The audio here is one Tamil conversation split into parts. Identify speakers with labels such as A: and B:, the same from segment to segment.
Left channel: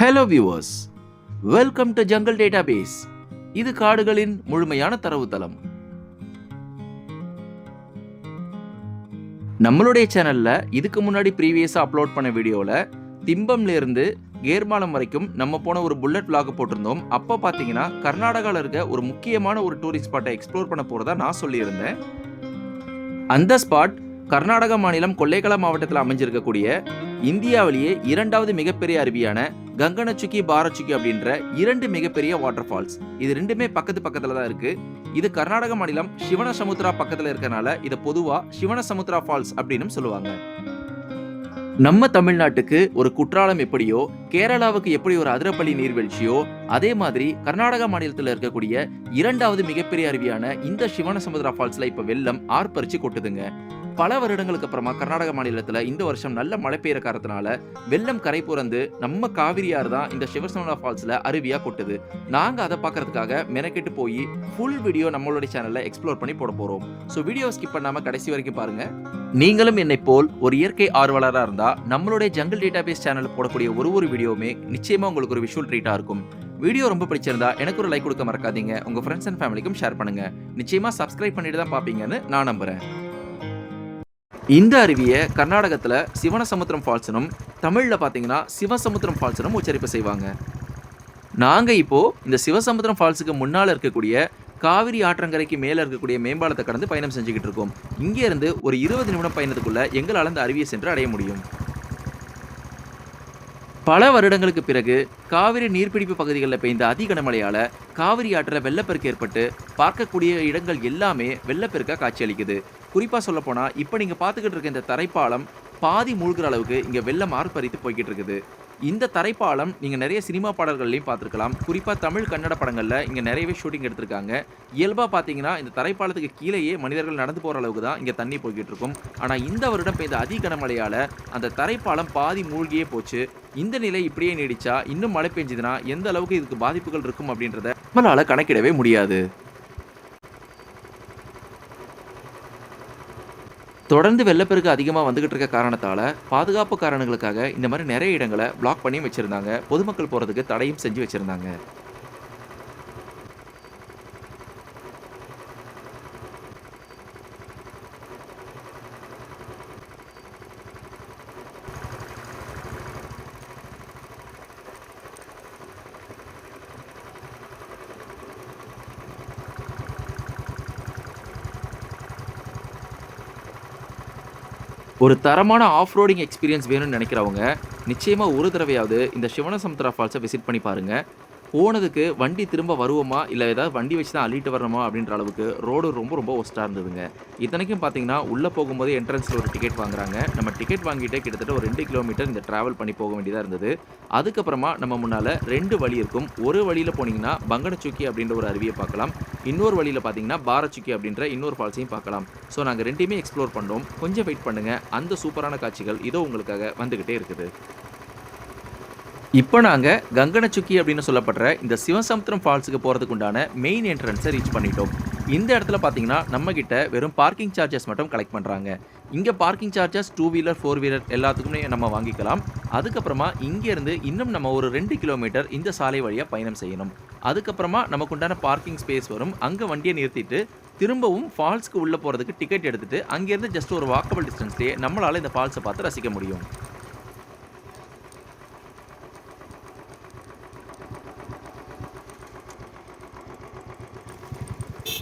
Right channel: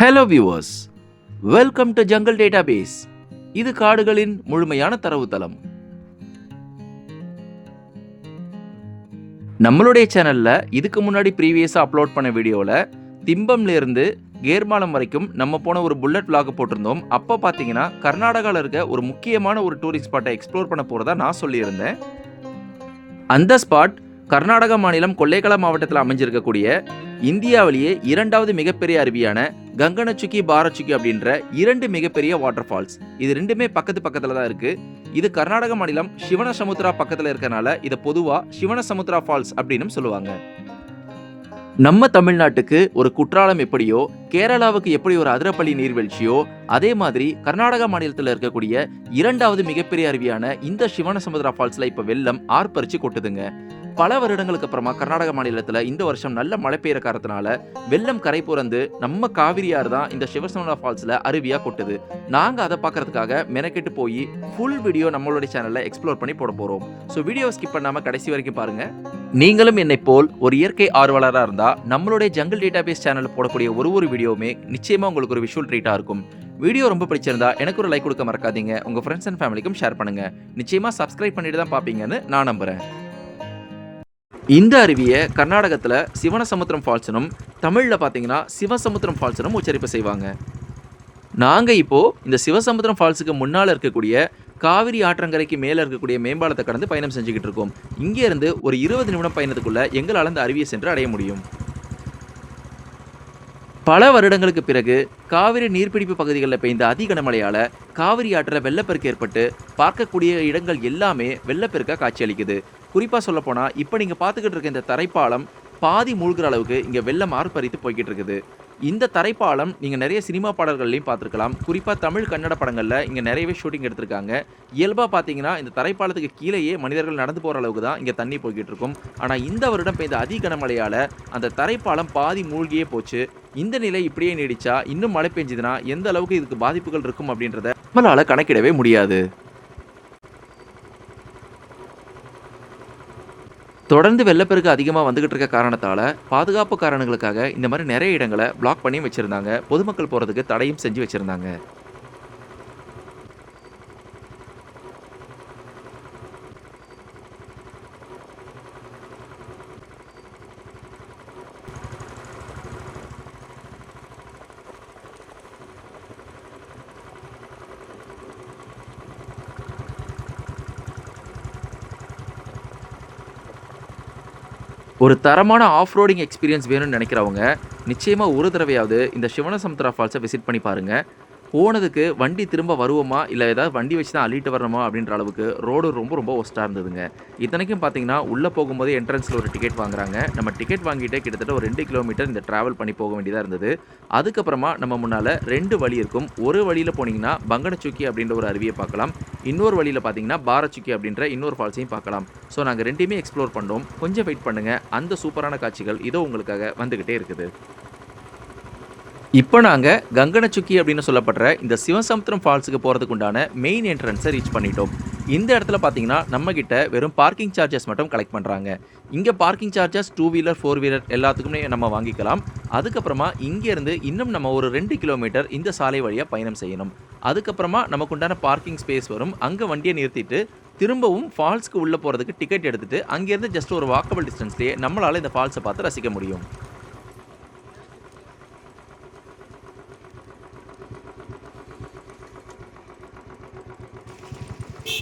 A: Hello viewers welcome to jungle database இது காடுகளின் முழுமையான தரவுத்தளம். நம்மளுடைய சேனலில் இதுக்கு முன்னாடி ப்ரீவியஸாக அப்லோட் பண்ண வீடியோவில் திம்பம்லேருந்து கேர்மாலம் வரைக்கும் நம்ம போன ஒரு புல்லட் விளாக் போட்டிருந்தோம். அப்போ பார்த்தீங்கன்னா கர்நாடகாவில் இருக்க ஒரு முக்கியமான ஒரு டூரிஸ்ட் ஸ்பாட்டை எக்ஸ்ப்ளோர் பண்ண போகிறதா நான் சொல்லியிருந்தேன். அந்த ஸ்பாட் கர்நாடகா மாநிலம் கொல்லேகலா மாவட்டத்தில் அமைஞ்சிருக்கக்கூடிய இந்தியாவிலேயே இரண்டாவது மிகப்பெரிய அருவியான கங்கனச்சுக்கி பாரச்சுக்கி அப்படின்ற இரண்டு மிகப்பெரிய வாட்டர் ஃபால்ஸ் இது ரெண்டுமே பக்கத்து பக்கத்துல தான் இருக்கு. இது கர்நாடக மாநிலம் சிவனசமுத்ரா பக்கத்துல இருக்கனால இதை பொதுவா சிவனசமுத்ரா ஃபால்ஸ் அப்படின்னு சொல்லுவாங்க. நம்ம தமிழ்நாட்டுக்கு ஒரு குற்றாலம் எப்படியோ கேரளாவுக்கு எப்படி ஒரு அதிரப்பள்ளி நீர்வீழ்ச்சியோ அதே மாதிரி கர்நாடக மாநிலத்தில் இருக்கக்கூடிய இரண்டாவது மிகப்பெரிய அருவியான இந்த சிவனசமுத்ரா ஃபால்ஸில் இப்போ வெள்ளம் ஆர்ப்பரிச்சு கொட்டுதுங்க. பல வருடங்களுக்கு அப்புறமா கர்நாடக மாநிலத்தில் இந்த வருஷம் நல்ல மழை பெய்யுற காரணத்தினால வெள்ளம் கரை புறந்து நம்ம காவிரியார் தான் இந்த சிவசமுத்ரா ஃபால்ஸில் அருவியாக கொட்டுது. நாங்கள் அதை பார்க்கறதுக்காக மெனக்கெட்டு போய் ஃபுல் வீடியோ நம்மளுடைய சேனலில் எக்ஸ்ப்ளோர் பண்ணி போட போகிறோம் ஸோ வீடியோ ஸ்கிப் பண்ணாமல் கடைசி வரைக்கும் பாருங்க. நீங்களும் என்னை போல் ஒரு இயற்கை ஆர்வலராக இருந்தால் நம்மளுடைய ஜங்கல் டேட்டாபேஸ் சேனலில் போடக்கூடிய ஒரு ஒரு வீடியோவுமே நிச்சயமாக உங்களுக்கு ஒரு விஷுவல் ட்ரீட்டாக இருக்கும். வீடியோ ரொம்ப பிடிச்சிருந்தா எனக்கு ஒரு லைக் கொடுக்க மறக்காதீங்க. உங்கள் ஃப்ரெண்ட்ஸ் அண்ட் ஃபேமிலிக்கும் ஷேர் பண்ணுங்க. நிச்சயமாக சப்ஸ்கிரைப் பண்ணிட்டு தான் பார்ப்பீங்கன்னு நான் நம்புகிறேன் இந்த அருவியை கர்நாடகத்தில் சிவனசமுத்திரம் ஃபால்ஸ்னும் தமிழில் பார்த்தீங்கன்னா சிவசமுத்திரம் ஃபால்ஸ்னும் உச்சரிப்பு செய்வாங்க. நாங்கள் இப்போது இந்த சிவசமுத்திரம் ஃபால்ஸுக்கு முன்னால் இருக்கக்கூடிய காவிரி ஆற்றங்கரைக்கு மேலே இருக்கக்கூடிய மேம்பாலத்தை கடந்து பயணம் செஞ்சுக்கிட்டு இருக்கோம். இங்கேருந்து ஒரு இருபது நிமிடம் பயணத்துக்குள்ளே எங்களால் அந்த அருவியை சென்று அடைய முடியும். பல வருடங்களுக்கு பிறகு காவிரி நீர்பிடிப்பு பகுதிகளில் பெய்த அதி கனமழையால் காவிரி ஆற்றில் வெள்ளப்பெருக்கு ஏற்பட்டு பார்க்கக்கூடிய இடங்கள் எல்லாமே வெள்ளப்பெருக்காக காட்சியளிக்குது. குறிப்பாக சொல்லப்போனால் இப்போ நீங்கள் பார்த்துக்கிட்டு இருக்க இந்த தரைப்பாலம் பாதி மூழ்கிற அளவுக்கு இங்கே வெள்ளம் ஆர்ப்பரித்து போய்கிட்டு இருக்குது. இந்த தரைப்பாலம் நீங்கள் நிறைய சினிமா பாடல்கள்லையும் பார்த்துருக்கலாம். குறிப்பாக தமிழ் கன்னட படங்களில் இங்கே நிறையவே ஷூட்டிங் எடுத்திருக்காங்க. இயல்பாக பார்த்தீங்கன்னா இந்த தரைப்பாலத்துக்கு கீழேயே மனிதர்கள் நடந்து போகிற அளவுக்கு தான் இங்கே தண்ணி போய்கிட்டு இருக்கும். ஆனால் இந்த வருடம் பெய்த அதி கனமழையால் அந்த தரைப்பாலம் பாதி மூழ்கியே போச்சு. இந்த நிலை இப்படியே நீடிச்சா இன்னும் மழை பெஞ்சதுன்னா எந்த அளவுக்கு இதுக்கு பாதிப்புகள் இருக்கும் அப்படின்றத நம்மளால் கணக்கிடவே முடியாது. தொடர்ந்து வெள்ளப்பெருக்கு அதிகமாக வந்துகிட்டு இருக்க காரணத்தால் பாதுகாப்பு காரணங்களுக்காக இந்த மாதிரி நிறைய இடங்களை பிளாக் பண்ணி வச்சுருந்தாங்க. பொதுமக்கள் போகிறதுக்கு தடையும் செஞ்சு வச்சுருந்தாங்க. ஒரு தரமான ஆஃப் ரோடிங் எக்ஸ்பீரியன்ஸ் வேணும்னு நினைக்கிறவங்க நிச்சயமாக ஒரு தடவையாவது இந்த சிவனசமுத்திரா ஃபால்ஸை விசிட் பண்ணி பாருங்கள் போனதுக்கு வண்டி திரும்ப வருவோமா? இல்லை ஏதாவது வண்டி வச்சு தான் அள்ளிட்டு வரணுமா? அப்படின்ற அளவுக்கு ரோடு ரொம்ப ரொம்ப ஒஸ்ட்டாக இருந்ததுங்க. இத்தனைக்கும் பார்த்தீங்கன்னா உள்ளே போகும்போது என்ட்ரன்ஸில் ஒரு டிக்கெட் வாங்குறாங்க. நம்ம டிக்கெட் வாங்கிட்டே கிட்டத்தட்ட ஒரு ரெண்டு கிலோமீட்டர் இந்த ட்ராவல் பண்ணி போக வேண்டியதாக இருந்தது. அதுக்கப்புறமா நம்ம முன்னால் ரெண்டு வழி இருக்கும். ஒரு வழியில் போனீங்கன்னா பங்கனச்சுக்கி அப்படின்ற ஒரு அருவியை பார்க்கலாம். இன்னொரு வழியில் பார்த்தீங்கன்னா பாரச்சுக்கி அப்படின்ற இன்னொரு ஃபால்ஸையும் பார்க்கலாம். ஸோ நாங்கள் ரெண்டையுமே எக்ஸ்ப்ளோர் பண்ணோம். கொஞ்சம் வெயிட் பண்ணுங்கள் அந்த சூப்பரான காட்சிகள் இதோ உங்களுக்காக வந்துக்கிட்டே இருக்குது. இப்போ நாங்கள் கங்கனச்சுக்கி அப்படின்னு சொல்லப்படுற இந்த சிவசமுத்திரம் ஃபால்ஸுக்கு போகிறதுக்கு உண்டான மெயின் என்ட்ரன்ஸை ரீச் பண்ணிட்டோம். இந்த இடத்துல பார்த்தீங்கன்னா நம்மக்கிட்ட வெறும் பார்க்கிங் சார்ஜஸ் மட்டும் கலெக்ட் பண்ணுறாங்க இங்கே parking charges two wheeler four wheeler எல்லாத்துக்குமே நம்ம வாங்கிக்கலாம். அதுக்கப்புறமா இங்கேருந்து இன்னும் நம்ம ஒரு ரெண்டு கிலோமீட்டர் இந்த சாலை வழியாக பயணம் செய்யணும். அதுக்கப்புறமா நமக்கு உண்டான பார்க்கிங் ஸ்பேஸ் வரும். அங்கே வண்டியை நிறுத்திட்டு திரும்பவும் ஃபால்ஸ்க்கு உள்ளே போகிறதுக்கு டிக்கெட் எடுத்துகிட்டு அங்கேருந்து ஜஸ்ட் ஒரு வாக்கபிள் டிஸ்டன்ஸ்லேயே நம்மளால் இந்த ஃபால்ஸை பார்த்து ரசிக்க முடியும்.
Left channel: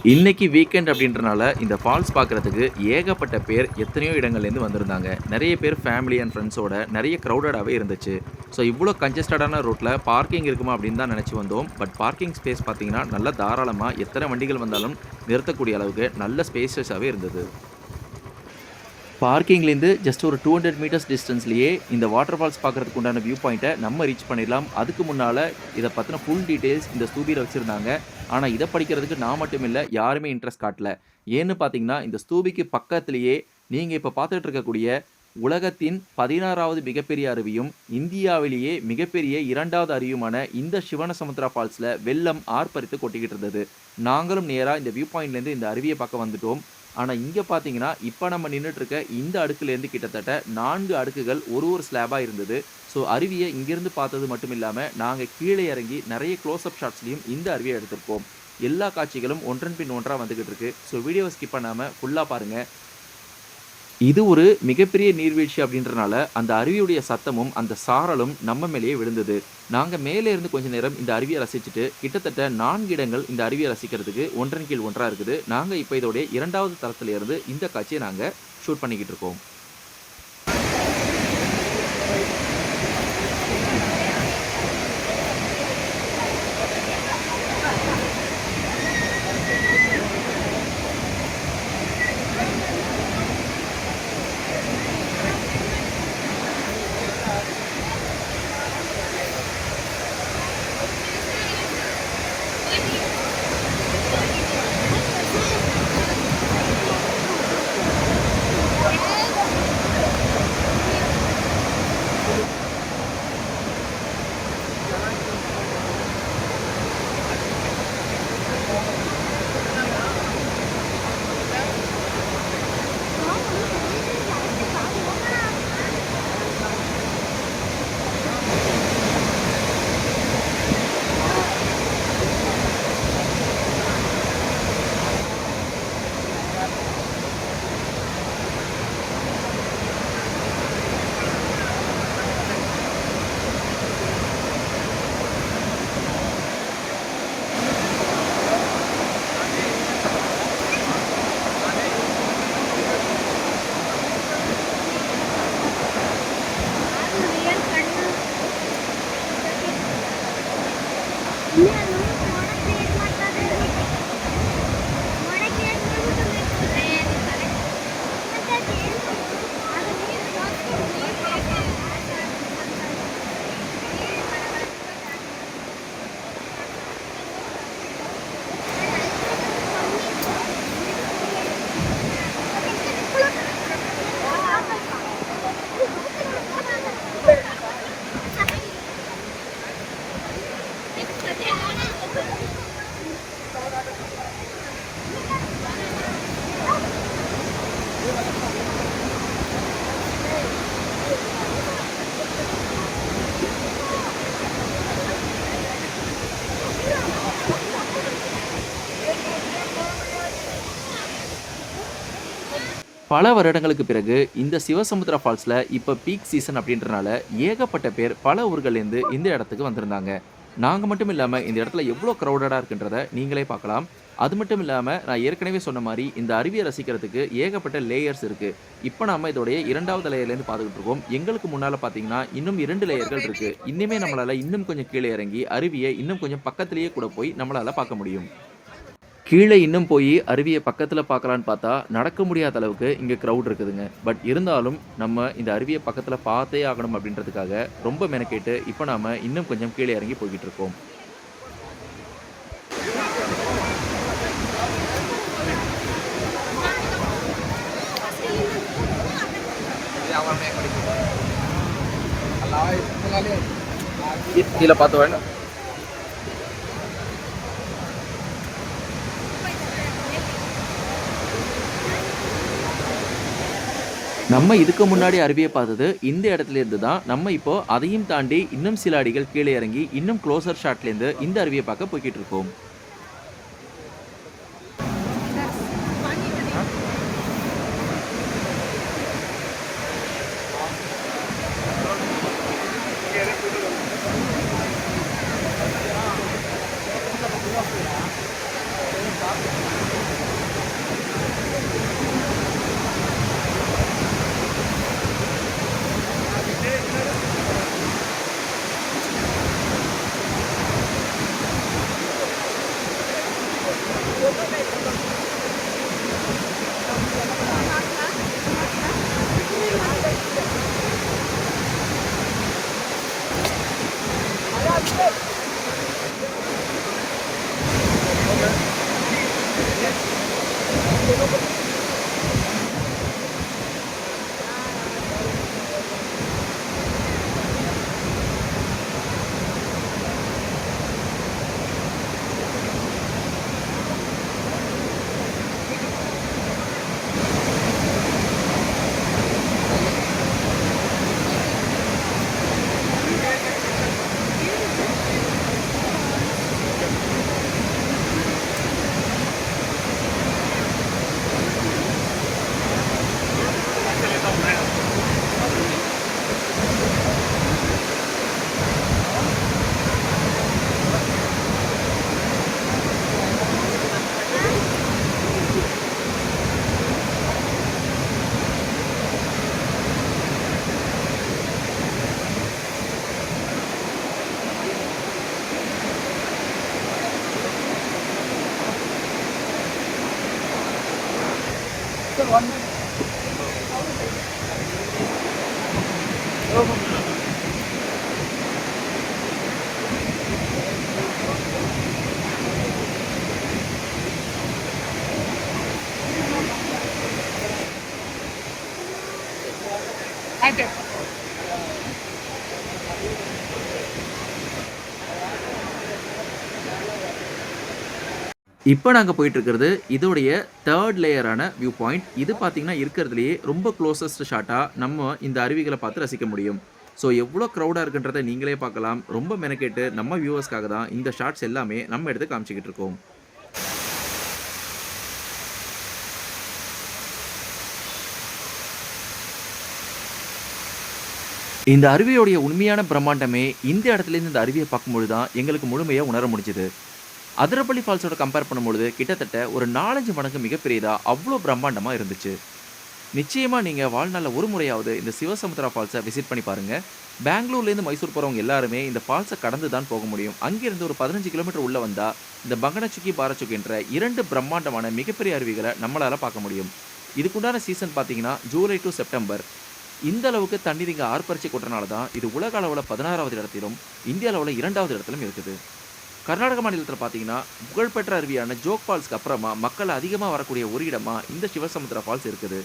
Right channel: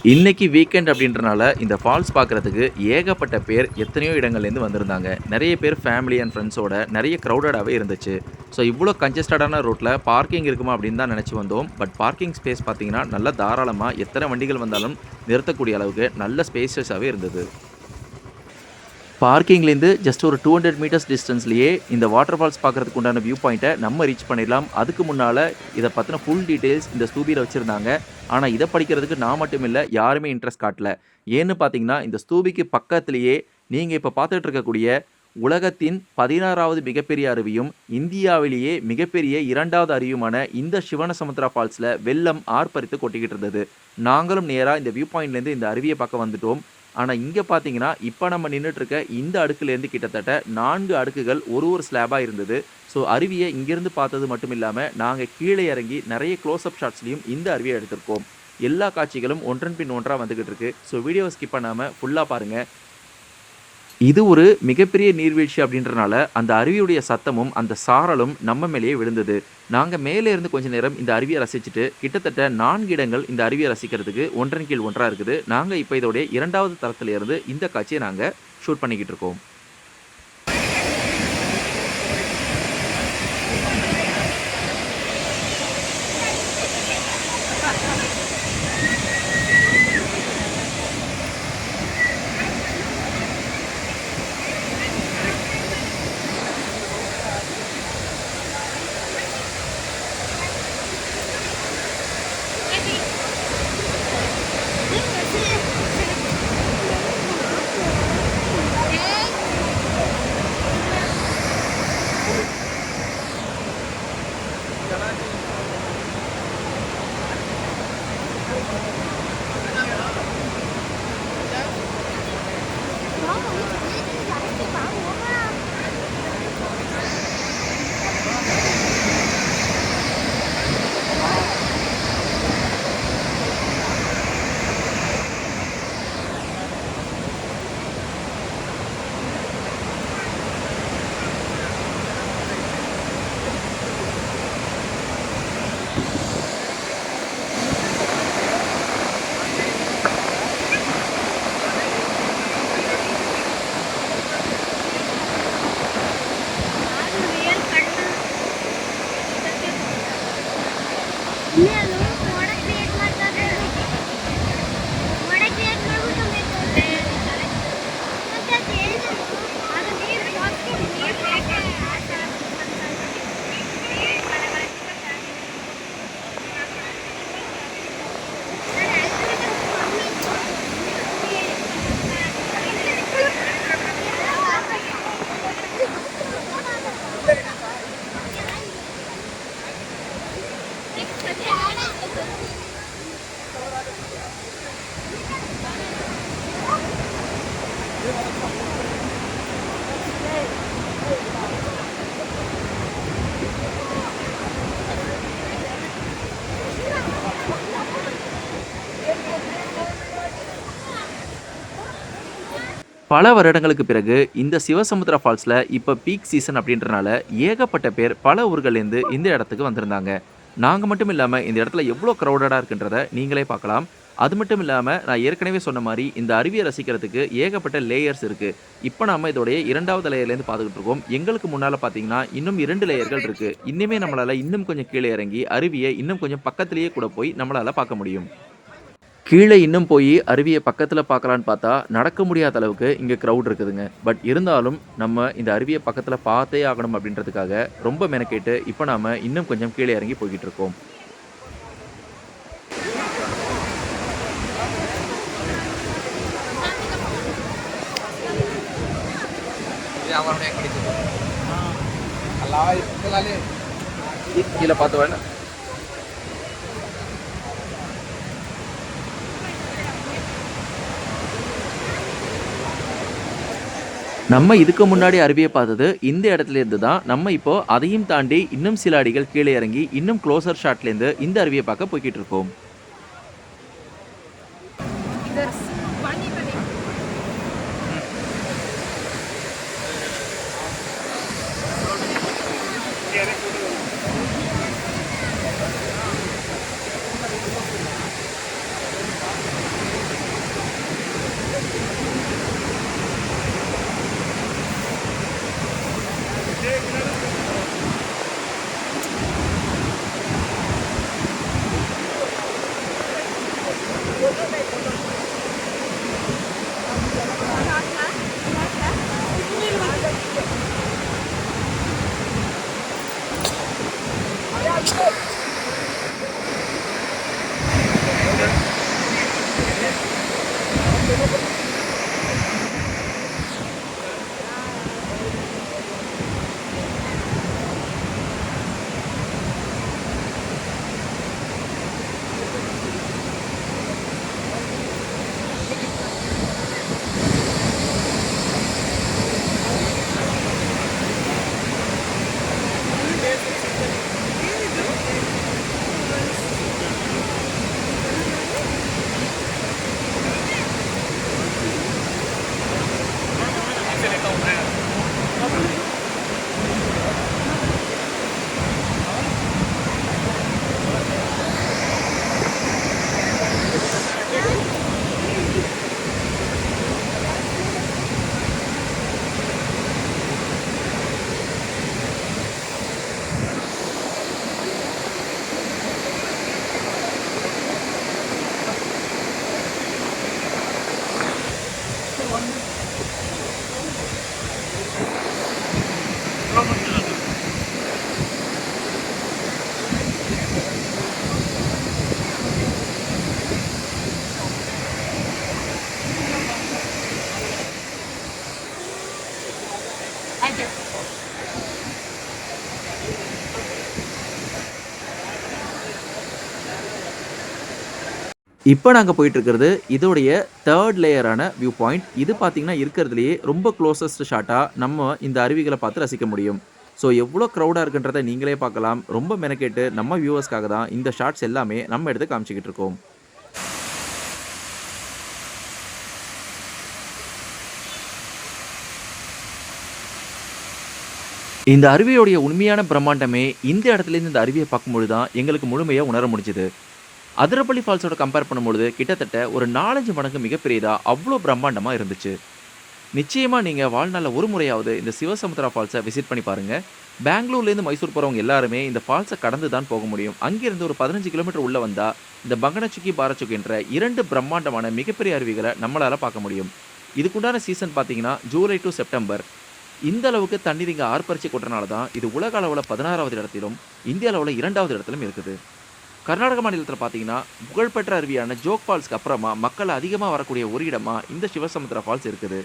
A: இன்னைக்கு வீக்கெண்ட் அப்படின்றனால இந்த ஃபால்ஸ் பார்க்குறதுக்கு ஏகப்பட்ட பேர் எத்தனையோ இடங்கள்லேருந்து வந்திருந்தாங்க. நிறைய பேர் ஃபேமிலி அண்ட் ஃப்ரெண்ட்ஸோட நிறைய க்ரௌடடாகவே இருந்துச்சு. ஸோ இவ்வளோ கன்ஜஸ்டடான ரோட்டில் பார்க்கிங் இருக்குமா அப்படின்னு தான் நினச்சி வந்தோம். பட் பார்க்கிங் ஸ்பேஸ் பார்த்தீங்கன்னா நல்ல தாராளமாக எத்தனை வண்டிகள் வந்தாலும் நிறுத்தக்கூடிய அளவுக்கு நல்ல ஸ்பேசஸாகவே இருந்தது. பார்க்கிங்லேருந்து ஜஸ்ட் ஒரு டூ ஹண்ட்ரட் மீட்டர்ஸ் டிஸ்டன்ஸ்லேயே இந்த வாட்டர் ஃபால்ஸ் பார்க்குறதுக்கு உண்டான வியூ பாயிண்ட்டை நம்ம ரீச் பண்ணிடலாம். அதுக்கு முன்னால் இதை பற்றின ஃபுல் டீட்டெயில்ஸ் இந்த ஸ்தூபியில் வச்சுருந்தாங்க. ஆனால் இதை படிக்கிறதுக்கு நான் மட்டும் இல்லை யாருமே இன்ட்ரெஸ்ட் காட்டல. ஏன்னு பார்த்தீங்கன்னா இந்த ஸ்தூபிக்கு பக்கத்துலேயே நீங்கள் இப்போ பார்த்துட்டு இருக்கக்கூடிய உலகத்தின் பதினாறாவது மிகப்பெரிய அருவியும் இந்தியாவிலேயே மிகப்பெரிய இரண்டாவது அருவியுமான இந்த சிவனசமுத்திரா ஃபால்ஸில் வெள்ளம் ஆர்ப்பரித்து கொட்டிக்கிட்டு இருந்தது. நாங்களும் நேராக இந்த வியூ பாயிண்ட்லேருந்து இந்த அருவியை பார்க்க வந்துட்டோம். ஆனால் இங்கே பார்த்தீங்கன்னா இப்போ நம்ம நின்றுட்டு இருக்க இந்த அடுக்குலேருந்து கிட்டத்தட்ட நான்கு அடுக்குகள் ஒரு ஒரு ஸ்லாபாக இருந்தது. ஸோ அருவியை இங்கேருந்து பார்த்தது மட்டும் இல்லாமல் நாங்கள் கீழே இறங்கி நிறைய க்ளோஸ்அப் ஷாட்ஸ்லையும் இந்த அருவியை எடுத்திருக்கோம். எல்லா காட்சிகளும் ஒன்றன் பின் ஒன்றாக வந்துக்கிட்டு இருக்கு. ஸோ வீடியோவை ஸ்கிப் பண்ணாமல் ஃபுல்லாக பாருங்கள் இது ஒரு மிகப்பெரிய நீர்வீழ்ச்சி அப்படின்றனால அந்த அருவியுடைய சத்தமும் அந்த சாரலும் நம்ம மேலேயே விழுந்தது. நாங்கள் மேலே இருந்து கொஞ்ச நேரம் இந்த அருவியை ரசிச்சுட்டு கிட்டத்தட்ட நான்கு இடங்கள் இந்த அருவியை ரசிக்கிறதுக்கு ஒன்றன் கீழ் ஒன்றாக இருக்குது. நாங்கள் இப்போ இதோடைய இரண்டாவது தளத்திலிருந்து இந்த காட்சியை நாங்கள் ஷூட் பண்ணிக்கிட்டு இருக்கோம். பல வருடங்களுக்கு பிறகு இந்த சிவசமுத்திர ஃபால்ஸில் இப்போ பீக் சீசன் அப்படின்றனால ஏகப்பட்ட பேர் பல ஊர்கள்லேருந்து இந்த இடத்துக்கு வந்திருந்தாங்க. நாங்கள் மட்டும் இல்லாமல் இந்த இடத்துல எவ்வளோ க்ரௌடடாக இருக்குன்றத நீங்களே பார்க்கலாம். அது மட்டும் இல்லாமல் நான் ஏற்கனவே சொன்ன மாதிரி இந்த அருவியை ரசிக்கிறதுக்கு ஏகப்பட்ட லேயர்ஸ் இருக்குது இப்போ நாம இதோடைய இரண்டாவது லேயர்லேருந்து பார்த்துக்கிட்டு இருக்கோம். எங்களுக்கு முன்னால் பார்த்தீங்கன்னா இன்னும் இரண்டு லேயர்கள் இருக்குது இன்னுமே நம்மளால் இன்னும் கொஞ்சம் கீழே இறங்கி அருவியை இன்னும் கொஞ்சம் பக்கத்துலேயே கூட போய் நம்மளால் பார்க்க முடியும். கீழே இன்னும் போய் அருவியை பக்கத்தில் பார்க்கலான்னு பார்த்தா நடக்க முடியாத அளவுக்கு இங்கே க்ரௌட் இருக்குதுங்க. பட் இருந்தாலும் நம்ம இந்த அருவியை பக்கத்தில் பார்த்தே ஆகணும் அப்படின்றதுக்காக ரொம்ப மெனக்கேட்டு இப்போ நாம் இன்னும் கொஞ்சம் கீழே இறங்கி போய்கிட்டு இருக்கோம். கீழே பார்த்து வேணும் நம்ம இதுக்கு முன்னாடி அருவியை பார்த்தது இந்த இடத்துல இருந்து தான். நம்ம இப்போ அதையும் தாண்டி இன்னும் சில அடிகள் கீழே இறங்கி இன்னும் க்ளோசர் ஷாட்லேருந்து இந்த அருவியை பார்க்க போய்கிட்டு இருக்கோம். luôn. இப்போ நாங்கள் போயிட்டுருக்கிறது இதோடைய தேர்ட் லேயரான வியூ பாயிண்ட் இது பார்த்தீங்கன்னா இருக்கிறதுலையே ரொம்ப க்ளோசஸ்ட் ஷாட்டாக நம்ம இந்த அருவிகளை பார்த்து ரசிக்க முடியும். ஸோ எவ்வளோ க்ரௌடாக இருக்குன்றதை நீங்களே பார்க்கலாம். ரொம்ப மெனக்கெட்டு நம்ம வியூவர்ஸ்க்காக தான் இந்த ஷாட்ஸ் எல்லாமே நம்ம எடுத்து காமிச்சிக்கிட்டு இருக்கோம். இந்த அருவியோடைய உண்மையான பிரம்மாண்டமே இந்த இடத்துலேருந்து இந்த அருவியை பார்க்கும்பொழுது தான் எங்களுக்கு முழுமையாக உணர முடிஞ்சுது. அதிரப்பள்ளி ஃபால்ஸோட கம்பேர் பண்ணும்பொழுது கிட்டத்தட்ட ஒரு நாலஞ்சு மடங்கு மிகப்பெரியதாக அவ்வளோ பிரம்மாண்டமாக இருந்துச்சு. நிச்சயமாக நீங்கள் வாழ்நாளில் ஒரு முறையாவது இந்த சிவசமுத்திரா ஃபால்ஸை விசிட் பண்ணி பாருங்கள் பெங்களூர்லேருந்து மைசூர் போகிறவங்க எல்லாருமே இந்த ஃபால்ஸை கடந்து தான் போக முடியும். அங்கேருந்து ஒரு பதினஞ்சு கிலோமீட்டர் உள்ளே வந்தால் இந்த பங்கனச்சுக்கி பாரச்சுக்கின்ற இரண்டு பிரம்மாண்டமான மிகப்பெரிய அருவிகளை நம்மளால் பார்க்க முடியும். இதுக்குண்டான சீசன் பார்த்தீங்கன்னா ஜூலை டு செப்டம்பர். இந்த அளவுக்கு தண்ணீர் இங்கே ஆர்ப்பரிச்சு கொட்டுறனால தான் இது உலக அளவில் பதினாறாவது இடத்திலும் இந்திய அளவில் இரண்டாவது இடத்திலும் இருக்குது. கர்நாடக மாநிலத்தில் பார்த்தீங்கன்னா புகழ்பெற்ற அருவியான ஜோக் ஃபால்ஸ்க்கு அப்புறமா மக்கள் அதிகமாக வரக்கூடிய ஒரு இடமா இந்த சிவசமுத்திரா ஃபால்ஸ் இருக்குது.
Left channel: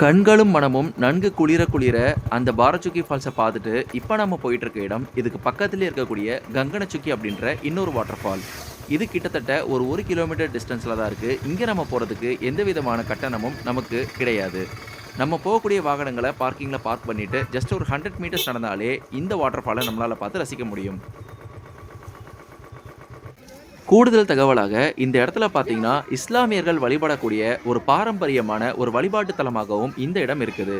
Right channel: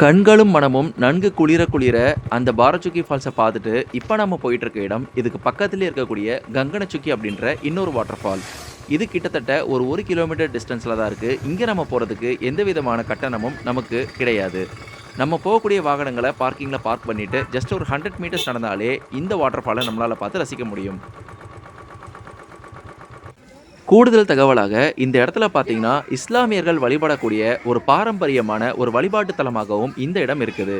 A: கண்களும் மனமும் நன்கு குளிர குளிர அந்த பாரச்சுக்கி ஃபால்ஸை பார்த்துட்டு இப்போ நம்ம போயிட்டு இருக்க இடம் இதுக்கு பக்கத்துலேயே இருக்கக்கூடிய கங்கனச்சுக்கி அப்படின்ற இன்னொரு வாட்டர் ஃபால் இது கிட்டத்தட்ட ஒரு ஒரு கிலோமீட்டர் டிஸ்டன்ஸில் தான் இருக்குது இங்கே நம்ம போகிறதுக்கு எந்த விதமான கட்டணமும் நமக்கு கிடையாது. நம்ம போகக்கூடிய வாகனங்களை பார்க்கிங்கில் பார்க் பண்ணிவிட்டு ஜஸ்ட் ஒரு ஹண்ட்ரட் மீட்டர்ஸ் நடந்தாலே இந்த வாட்டர் ஃபாலை நம்மளால் பார்த்து ரசிக்க முடியும். கூடுதல் தகவலாக இந்த இடத்துல பார்த்தீங்கன்னா இஸ்லாமியர்கள் வழிபடக்கூடிய ஒரு பாரம்பரியமான ஒரு வழிபாட்டு தலமாகவும் இந்த இடம் இருக்குது.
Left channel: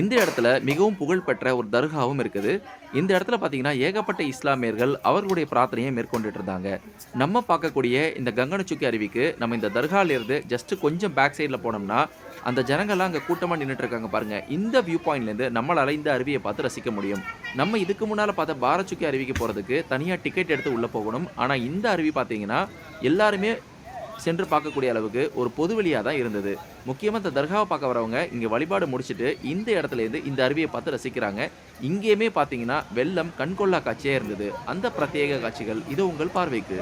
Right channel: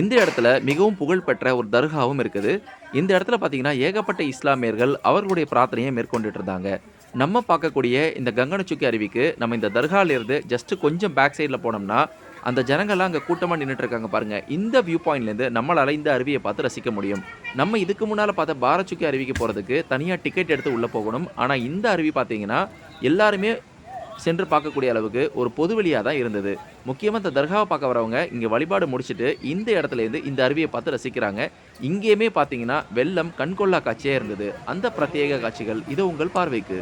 A: இந்த இடத்துல மிகவும் புகழ்பெற்ற ஒரு தர்காவும் இருக்குது. இந்த இடத்துல பார்த்தீங்கன்னா ஏகப்பட்ட இஸ்லாமியர்கள் அவர்களுடைய பிரார்த்தனையை மேற்கொண்டுட்டு இருந்தாங்க நம்ம பார்க்கக்கூடிய இந்த கங்கனச்சுக்கி அருவிக்கு நம்ம இந்த தர்காலேருந்து ஜஸ்ட் கொஞ்சம் பேக் சைடில் போனோம்னா அந்த ஜனங்கள்லாம் அங்கே கூட்டமாக நின்றுட்டு இருக்காங்க பாருங்க. இந்த வியூ பாயிண்ட்லேருந்து நம்மளால் இந்த அருவியை பார்த்து ரசிக்க முடியும். நம்ம இதுக்கு முன்னால் பார்த்த பாரச்சுக்கி அருவிக்கு போகிறதுக்கு தனியாக டிக்கெட் எடுத்து உள்ளே போகணும். ஆனால் இந்த அருவி பார்த்தீங்கன்னா எல்லாருமே சென்று பார்க்கக்கூடிய அளவுக்கு ஒரு பொதுவெளியாக தான் இருந்தது. முக்கியமாக இந்த தர்காவை பார்க்க வரவங்க இங்கே வழிபாடு முடிச்சுட்டு இந்த இடத்துலேருந்து இந்த அருவியை பார்த்து ரசிக்கிறாங்க. இங்கேயுமே பார்த்தீங்கன்னா வெள்ளம் கண்கொள்ளா காட்சியாக இருந்தது. அந்த பிரத்யேக காட்சிகள் இது உங்கள் பார்வைக்கு.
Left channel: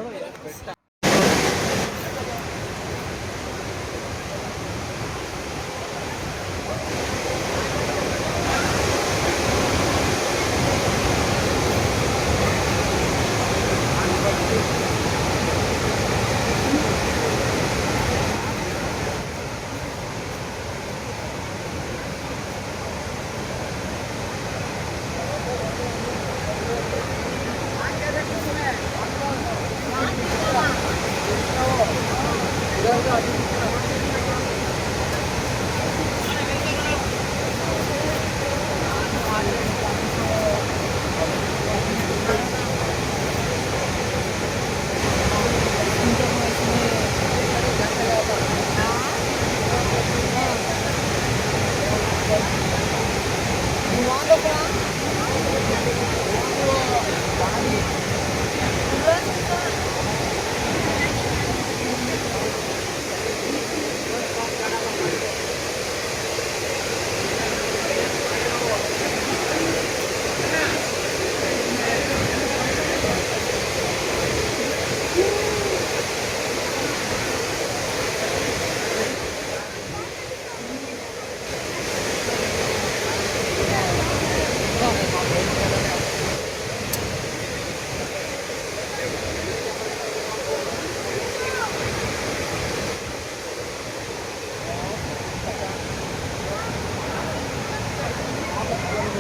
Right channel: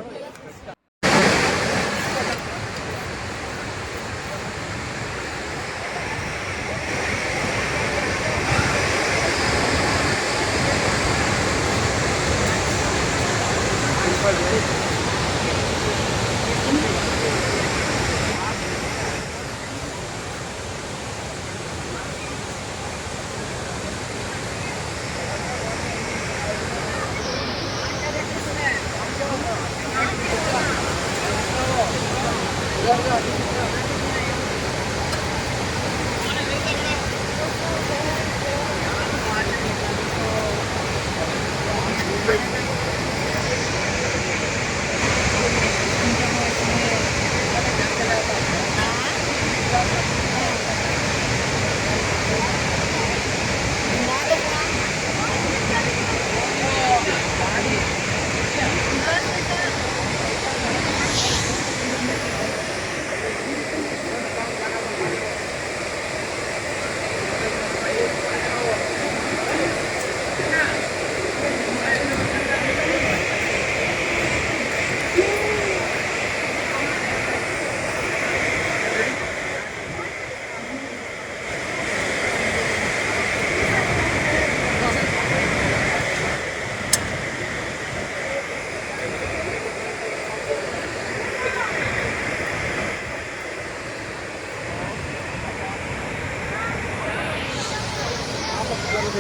A: Ang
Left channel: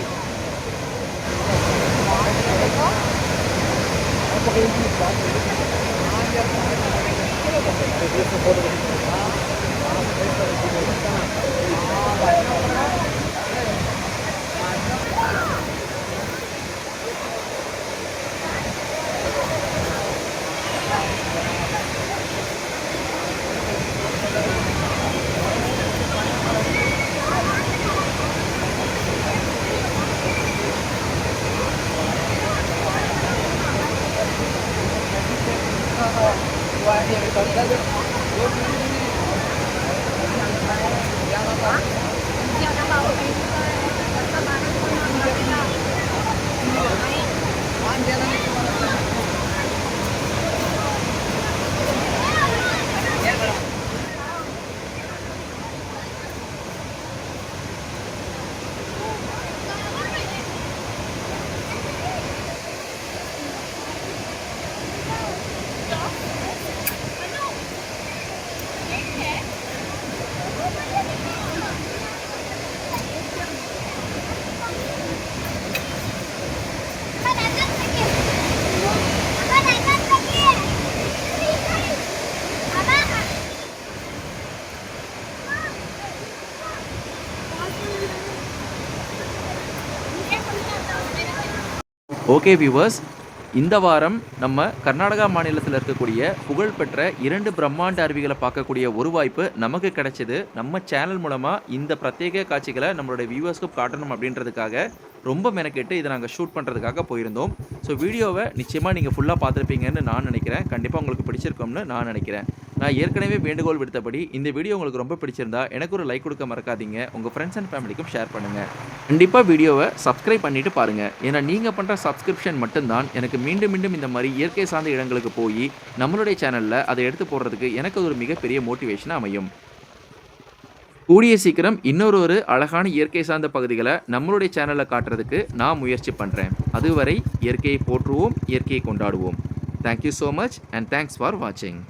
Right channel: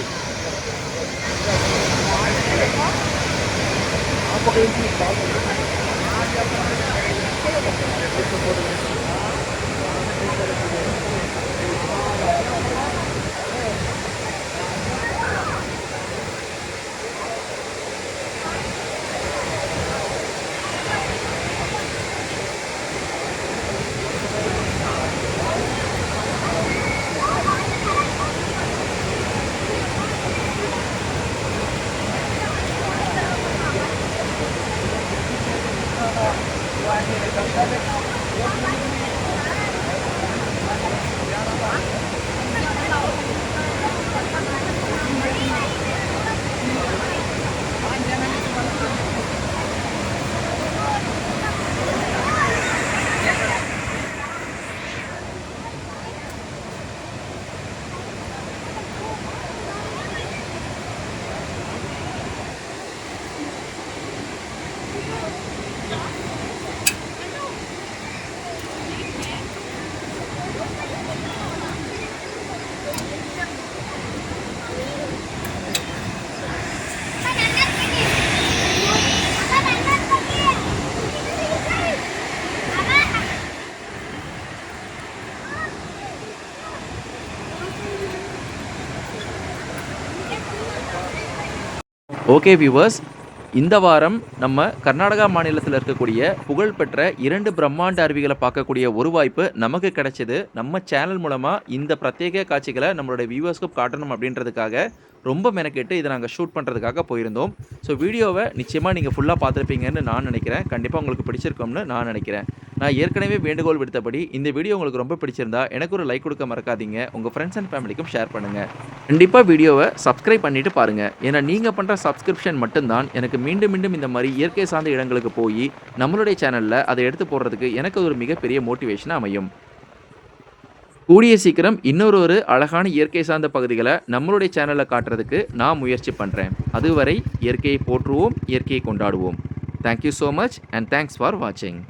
A: pag-ibig? ஓகே வியூவர்ஸ் இந்த வாரம் நம்ம கர்நாடகா மாநிலத்தில் இருக்கக்கூடிய புகழ்பெற்ற இரண்டு பிரம்மாண்ட அருவிகளை பார்க்கக்கூடிய ஒரு வாய்ப்பு நமக்கு கிடைச்சது. நம்ம சேனல் மூலமாக இந்த பிரத்யேக காட்சிகளை நம்மளுடைய வியூவர்ஸ்க்கு காட்டணும் அப்படின்றதுக்காக ரொம்ப மெனக்கெட்டு இதை நாங்கள் ஷூட் பண்ணுறதுக்காக போயிருந்தோம். ஸோ வீடியோவை நிச்சயமாக நீங்கள் ஃபுல்லாக பார்த்துருப்பீங்கன்னு நான் நினைக்கிறேன். கண்டிப்பாக உங்களுக்கு பிடிச்சிருக்கும்னு நான் நினைக்கிறேன். நான் ஏற்கனவே வேண்டுகோள் விடுத்தபடி இந்த வீடியோ உங்களுக்கு ரொம்ப பிடிச்சிருந்தா எனக்கு ஒரு லைக் கொடுக்க மறக்காதீங்க. உங்கள் ஃப்ரெண்ட்ஸ் அண்ட் ஃபேமிலிக்கும் ஷேர் பண்ணுங்கள் கண்டிப்பாக வீடியோவை சப்ஸ்கிரைப் பண்ணிவிட்டு பாருங்கள் ஏன்னா நீங்கள் பண்ணுற சப்ஸ்கிரிப்ஷன் மட்டும்தான் எனக்கு மீண்டும் மீண்டும் இந்த மாதிரி இயற்கை சார்ந்த இடங்களுக்கு போய் நம்மளுடைய சேனலில் அதை எடுத்து போடுறதுக்கு எனக்கு ஒரு மிகப்பெரிய மோட்டிவேஷனாக அமையும். கூடிய சீக்கிரம் இன்னொரு ஒரு அழகான இயற்கை சார்ந்த பகுதிகளை நம்மளுடைய சேனலில் காட்டுறதுக்கு நான் முயற்சி பண்ணுறேன் அதுவரை இயற்கையை போற்றுவோம் இயற்கையை கொண்டாடுவோம். Thank you so much and thanks for வாட்சிங்